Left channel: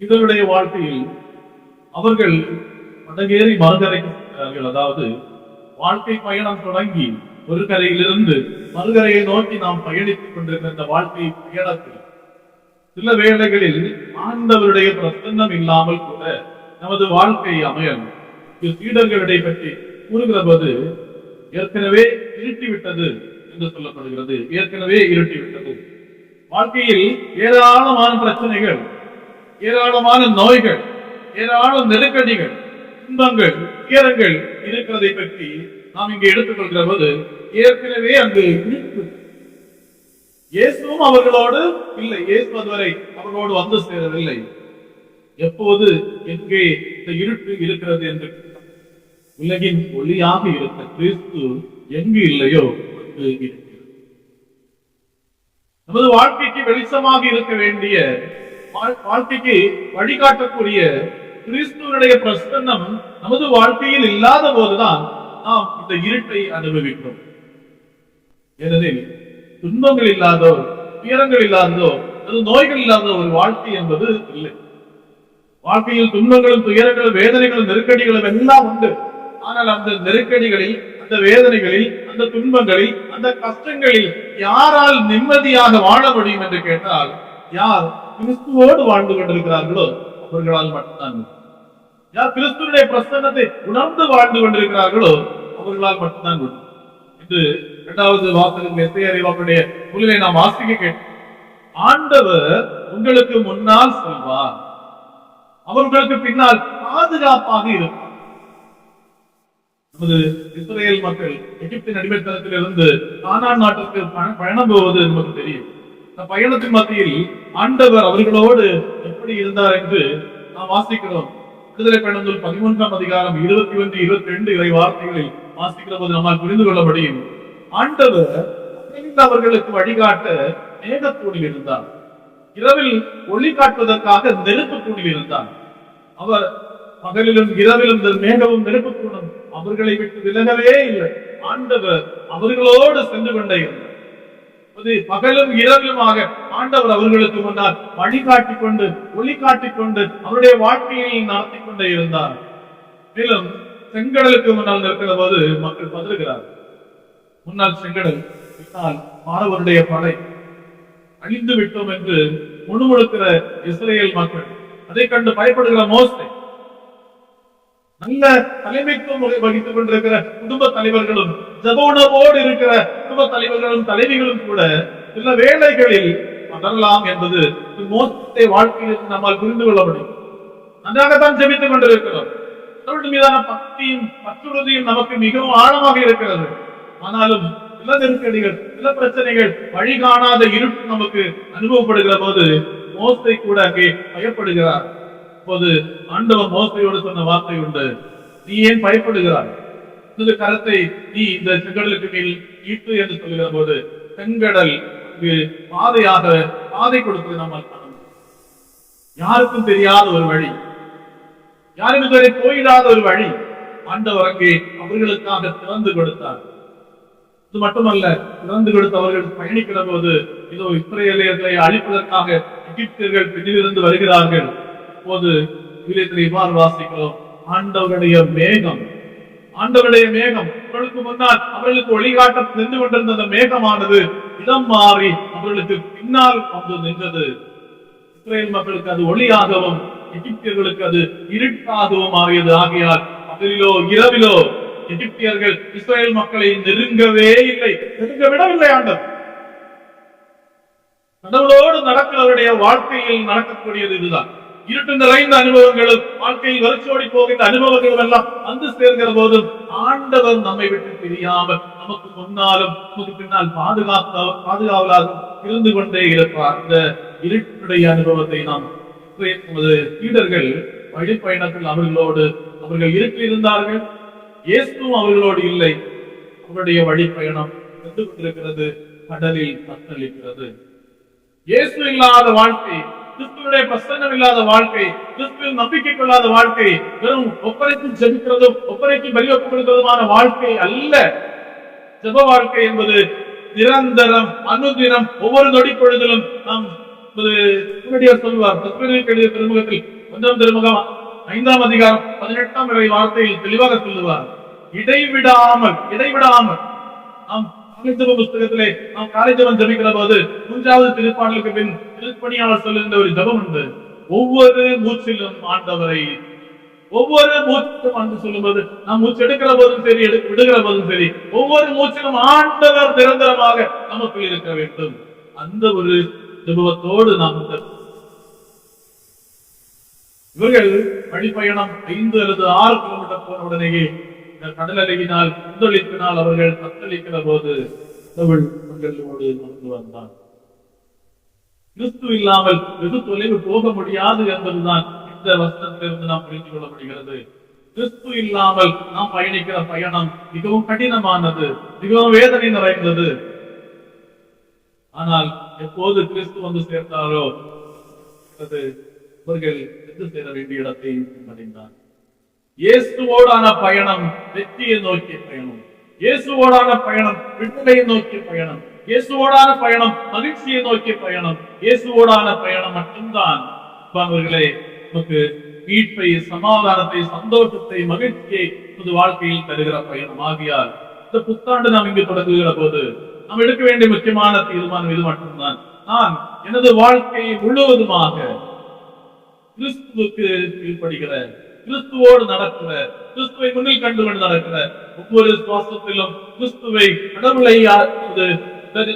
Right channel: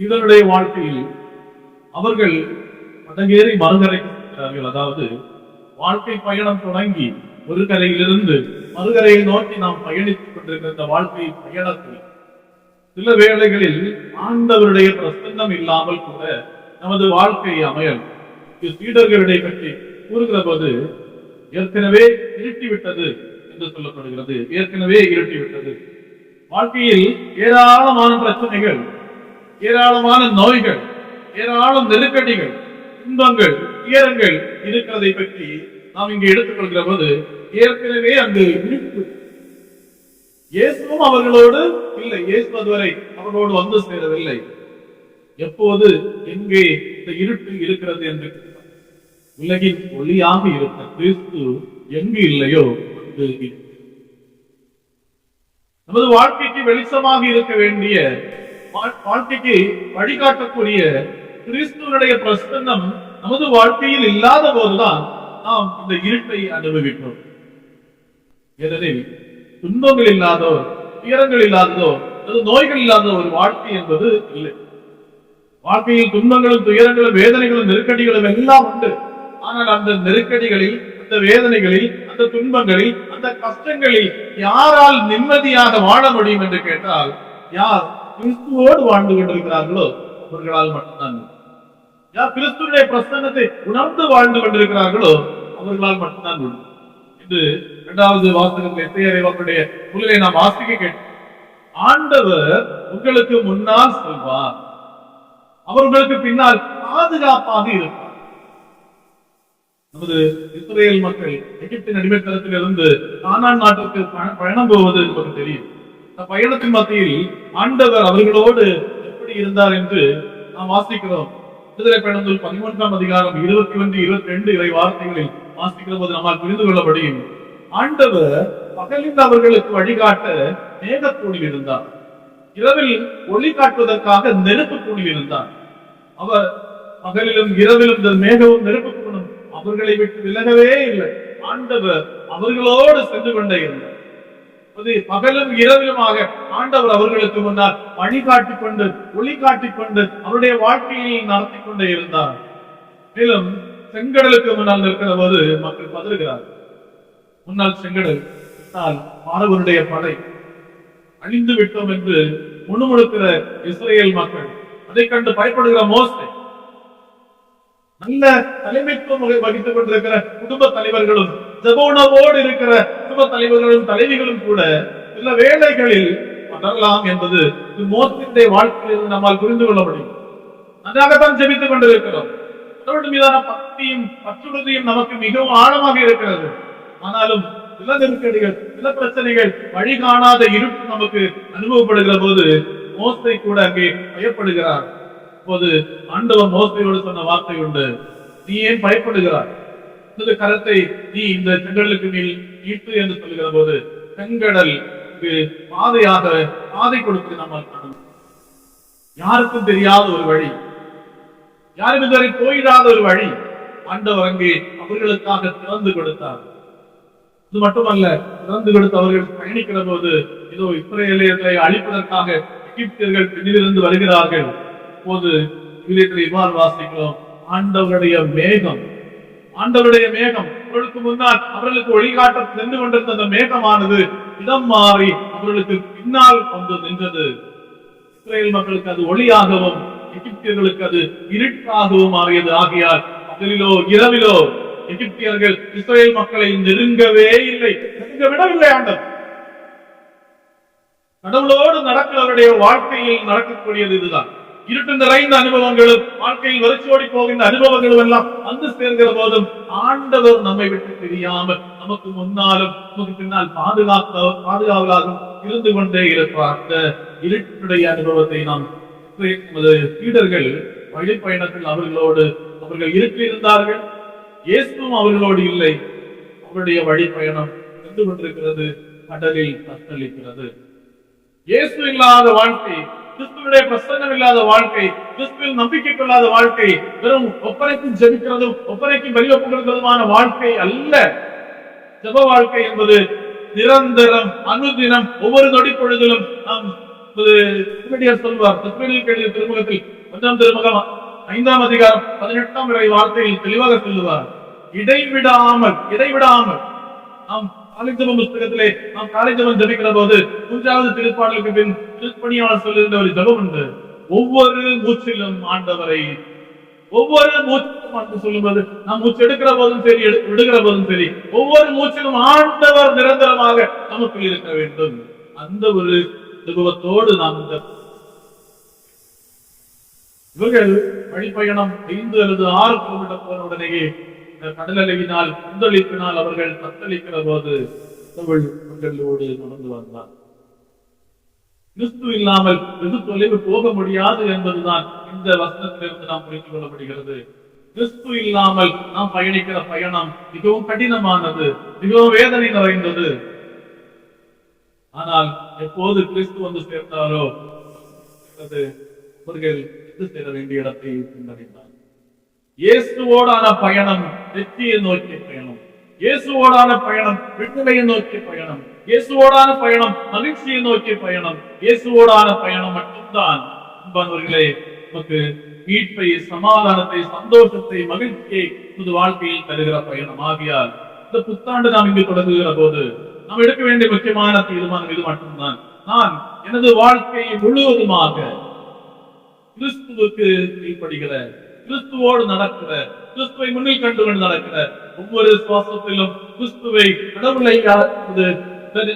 இதனுடைய வாழ்க்கையில் அவர்கள் படகேறி மறுகரைக்கிறார்கள் அதாவது வாழ்க்கை பயணம் தொடங்கி ஒரு கரையிலிருந்து மறுகரையை நோக்கி நாம் பயணித்துக் கொண்டிருக்கிற இந்த வாழ்க்கை பயணத்தில் சில வேளைகளில் ஆண்டவருடைய பிரசன்னம் இல்லாமல் கூட நமது வாழ்க்கை அமையல். சீடர்களிடையே பற்றி கூறுகிற போது ஏற்கனவே இருட்டிவிட்டது என்று சொல்லப்படுகிறது. ஏற்கனவே இருட்டிவிட்டது. வாழ்க்கையில் ஏராளமான பிரச்சனைகள் ஏராளமான நோய்கள் ஏராளம் நெருக்கடிகள் துன்பங்கள் துயரங்கள் இருக்கிறதை பற்றி நாம் இங்கே எடுத்துக்கொள்கிற போது ஏற்கனவே அங்கு இருட்டு இயேசுவும் அவர்களோடு இல்லை இயேசு அதுவரை அவர்களோடு வந்து சேரவில்லை. எப்போது எங்கே இந்த இருட்டு இருக்கிறது என்று உலகின் ஒளியாக இருக்க கிறிஸ்து எங்கு இல்லையோ அங்கு இருக்கிறது நமது வாழ்க்கைக்கு வெளிச்சமாக இருக்க வேண்டிய வாழ்க்கைக்கு வழிகாட்டக்கூடிய கிறிஸ்துவனுடைய பிரசன்னம் நமது வாழ்க்கையில் இல்லாத போதுதான் நாம் இந்த இருட்டை அனுபவிக்கிறோம். ஏனெனில் துன்பங்கள் இல்லாதோ துயரங்கள் இல்லாததோ அது நோய்கள் இல்லாத ஒரு வாழ்க்கை என்பது இல்லை. வாழ்க்கையில் துன்பங்களும் துயரங்களும் வேதனைகளும் நெருக்கடிகளும் எல்லாம் உண்டு. ஆனால் அந்த நெருக்கடிகளில் அந்த வேதனைகளில் அந்த துன்பங்களில் அந்த கஷ்டங்களில் யாரால் நிம்மதியாக வாழ முடியும் என்று கேட்டால் யார் கிறிஸ்துவோடு வாழ்ந்து கொண்டிருக்கிறார்களோ அவர்களால் மட்டும்தான் யார் கிறிஸ்துவனுடைய பிரசன்னத்தை உணர்ந்து வாழ்ந்து கொண்டிருக்கிறார்களோ அவர்களால் மட்டும்தான் உண்டு. என்று இரண்டாவது வாசகங்கள் எத்தையறை அவருடைய நூலிலே நாம் வாசிக்க கேட்டோம். ஆண்டவர் உங்களுக்கு முன்னால் செல்வார். அவர் உங்களுக்கு பின்னால் பாதுகாப்பாக இருப்பார். நமது இஸ்ரேல் மக்கள் எகிப்தின் அடிமைத்தனத்தில் இருந்து கானான் நாட்டிற்கு பயணம் போவது நமக்கு தெரியும். பயணத்தின் மத்தியில் ஆண்டவர் அவர்களோடு எப்படி இருந்தார் என்று நாம் வாசிக்கிறோம். விடுதலை பயணம் பதிமூன்றாம் அதிகாரம் இருபத்தி ஒன்று இருபத்தி ரெண்டு இறை வார்த்தைகளில் வாசிக்கிற போது நம்மால் புரிந்து கொள்ள முடியும். ஆண்டவர் பகலில் அவர்களுக்கு வழிகாட்ட மேகத்தூணில் இருந்தார். இரவில் ஒளி காட்டுவதற்காக நெருப்பு தூணில் இருந்தார். அவர் பகலிலும் இரவிலும் இந்த மேகமும் நெருப்பு தூணும் அவர்களை விட்டு விலகவே இல்லை. ஆண்டவர் அவர்களோடு சென்று கொண்டே இருந்தார். பகலும் இரவிலுமாக ஆண்டவர் அவர்களுக்கு முன்னால் வழிகாட்டிக் கொண்டு ஒளி காட்டிக் கொண்டு அவருடைய வாழ்க்கையில் நடத்தி கொண்டே இருந்தார். மேலும் செங்கடலுக்கு முன்னால் நிற்கிற போது மக்கள் பதறுகிறார் முன்னால் செங்கடல் பின்னால் மாணவருடைய படை. அழிந்து விட்டோம் என்று முணுமுணுக்கிற இஸ்ரேல் மக்கள். அதை கண்டு பயப்படுகிற மோசை. நல்ல தலைமைத்துவம் வகி- வகித்துக் கொண்டிருக்கிற குடும்ப தலைவர்களும் ஜபோனவோடு இருக்கிற குடும்ப தலைவர்களும் தலைவிகளும் கூட சில வேலைகளில் வளரலாம் என்பது மோசத்தை வாழ்க்கையில் நம்மால் புரிந்து கொள்ள முடியும். நன்றாகத்தான் ஜெபித்துக் கொண்டிருக்கிறோம். கடவுள் மீதான பக்தியும் பற்றுறுதியும் நமக்கு மிகவும் ஆழமாக இருக்கிறது. ஆனாலும் சில நெருக்கடிகள் சில பிரச்சனைகள் வழி காணாத இருட்டு நமக்கு அனுபவப்படுகிற போது மோசை கூட அங்கே பயப்படுகிறார். அப்போது ஆண்டவர் மோசையோடு சொன்ன வார்த்தை உண்டு. நீ ஏன் பயப்படுகிறார் உனது கரத்தை நீ இந்த செங்கடலுக்கு மேல் ஈட்டு என்று சொல்லுகிற போது செங்கடல் பாதையாக பாதை கொடுத்து நம்மால் காண யாருக்கும் தெரியாத ஒரு வழி. யாரும் இதுவரை போயிடாத ஒரு வழி. ஆண்டவர் அங்கே அவர்களுக்காக திறந்து கொடுத்தார். இது மட்டுமல்ல திறந்து கொடுத்து அவர்கள் பயணிக்கிற போது இதோ இஸ்ரேலியர்களை அழிப்பதற்காக எகிப்தியர்கள் பின்னிலிருந்து வருகிறார்கள். போது விலியத்தில் இவ்வாறு வாசிக்கிறோம் ஆண்டவருடைய மேகம் ஆண்டவருடைய மேகம் அவர்களுக்கு முன்னால் அவர்களுக்கு வழிகாட்ட நின்று கொண்டிருந்த அந்த மேகமானது இடம் மாறி அவர்களுக்கு பின்னால் வந்து நின்றது. இஸ்ரேல் மக்களுக்கு அது ஒளியாகவும் எகிப்தியர்களுக்கு அது இருட்டாகவும் மாறியது. ஆகையால் பகலிலோ இரவிலோ எகிப்தியர்கள் இஸ்ரேல் மக்களை நெருங்கவே இல்லை. நெருங்க விடவில்லை ஆண்டவர். கடவுளோடு நடக்கிறவருடைய வாழ்க்கையில் நடக்கக்கூடியது இதுதான். இருட்டு நிறைந்த அனுபவங்களும் வாழ்க்கையில் வறட்சியோடி போகின்ற அனுபவங்களும் எல்லாம் வந்து சேர்கிற போதும் ஆண்டவர் நம்மை விட்டு பிரியாமல் நமக்கு முன்னாலும் நமக்கு பின்னால் பாதுகாக்க பாதுகாவலாகவும் இருந்து கொண்டே இருப்பார். அந்த இருட்டுடைய அனுபவத்தை நாம் நமது சீடர்கள் வழிப்பயணத்தில் அவர்களோடு அவர்கள் இருட்டில் இருந்தார்கள் இயேசுவும் அவர்களோடு இல்லை அவருடைய வழிப்பயணம் சென்று கொண்டிருக்கிறது கடலில் தத்தளிக்கிறது. இயேசு இல்லாத வாழ்க்கை கிறிஸ்துவனுடைய பிரசங்கம் இல்லாத வாழ்க்கை கிறிஸ்துவில் நம்பிக்கை கொள்ளாத வாழ்க்கை வெறும் ஒப்பனைக்கும் ஜெபிக்கிறதும் ஒப்பனைக்கும் பலி ஒப்பு வாழ்க்கை அல்ல. ஜப வாழ்க்கை என்பது நிரந்தரம் அனுதினம் ஒவ்வொரு நொடி பொழுதிலும் நாம் சொல்வார். கடித திருமுகத்தில் ஒன்றாம் திருமுகம் ஐந்தாம் அதிகாரம் பதினெட்டாம் இறை வார்த்தையில் தெளிவாக சொல்லுவார். இடைவிடாமல் இடைவிடாமல் நாம் காலைஜபம் புஸ்தகத்திலே நாம் காலைஜபம் ஜபிக்கிற போது மூன்றாவது திருப்பாடலுக்கு பின் திருப்பணியாளர் சொல்லுகின்ற ஒரு ஜபம் உண்டு. ஒவ்வொரு மூச்சிலும் ஆண்டவரை ஒவ்வொரு மூச்சிலும் ஆண்டு சொல்லும்போது நாம் மூச்சு எடுக்கிற போதும் சரி எடு- விடுகிற போதும் சரி ஒவ்வொரு மூச்சிலும் ஆண்டவர் நிரந்தரமாக நமக்குள் இருக்க வேண்டும். அந்த ஒரு அனுபவத்தோடு நாம் இவர்கள் வழிப்பயணம் ஐந்து அல்லது ஆறு கிலோமீட்டர் போன உடனேயே இந்த கடல் கொந்தளிப்பினால் அவர்கள் தத்தளிக்கிற போது கடவுள் அவர்களோடு நடந்து வந்தான். கிறிஸ்து இல்லாமல் வெகு தொலைவு போக முடியாது என்பதுதான் இந்த வசனத்திலிருந்து நாம் புரிந்து கொள்ளப்படுகிறது. கிறிஸ்து இல்லாமல் நாம் பயணிக்கிற பயணம் மிகவும் கடினமானது மிகவும் வேதனை நிறைந்தது. ஆனால் எப்போது கிறிஸ்து வந்து சேர்ந்தாரோ அவர்கள் சென்று சேர வேண்டிய இடத்தை சென்றடைந்தார் இயேசுவோடான பயணம் வெற்றியை நோக்கிய பயணம். இயேசுவோடான பயணம் விடுதலையை நோக்கிய பயணம். இயேசுவோடான பயணம் மகிழ்ச்சியை நோக்கிய பயணம். இயேசுவோடான பயணம் மட்டும்தான். அன்பானவர்களே நமக்கு மீட்பை சமாதானத்தை சந்தோஷத்தை மகிழ்ச்சியை நமது வாழ்க்கையில் தருகிற பயணம். ஆகியால் இந்த புத்தாண்டு நாம் இங்கு தொடங்குகிற போது நாம் எடுக்க வேண்டிய முக்கியமான தீர்மானம் இது மட்டும்தான். நான் எனது வாழ்க்கையை முழுவதுமாக கிறிஸ்துவுக்கு கீழ்ப்படுகிற கிறிஸ்துவோடு நடக்கிற கிறிஸ்துவை முன்னில் கண்டு கொண்டு நடக்கிற ஒவ்வொரு சுவாசத்திலும் கிறிஸ்துவை கடவுளை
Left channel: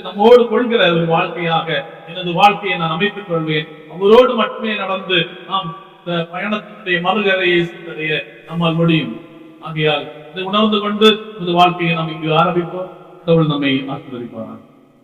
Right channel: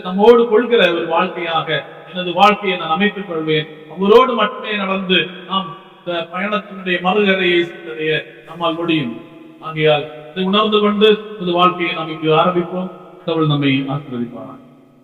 நம்மோடு கொள்கிற ஒரு வாழ்க்கையாக எனது வாழ்க்கையை நான் அமைத்துக் கொள்வேன். அவரோடு மட்டுமே நடந்து நாம் பயணத்தினுடைய மறுகரையை சென்றடைய நம்மால் முடியும். ஆகையால் இதை உணர்ந்து கொண்டு புது வாழ்க்கையை நாம் இங்கு ஆரம்பிப்போம். கடவுள் நம்மை ஆசீர்வதிப்பார்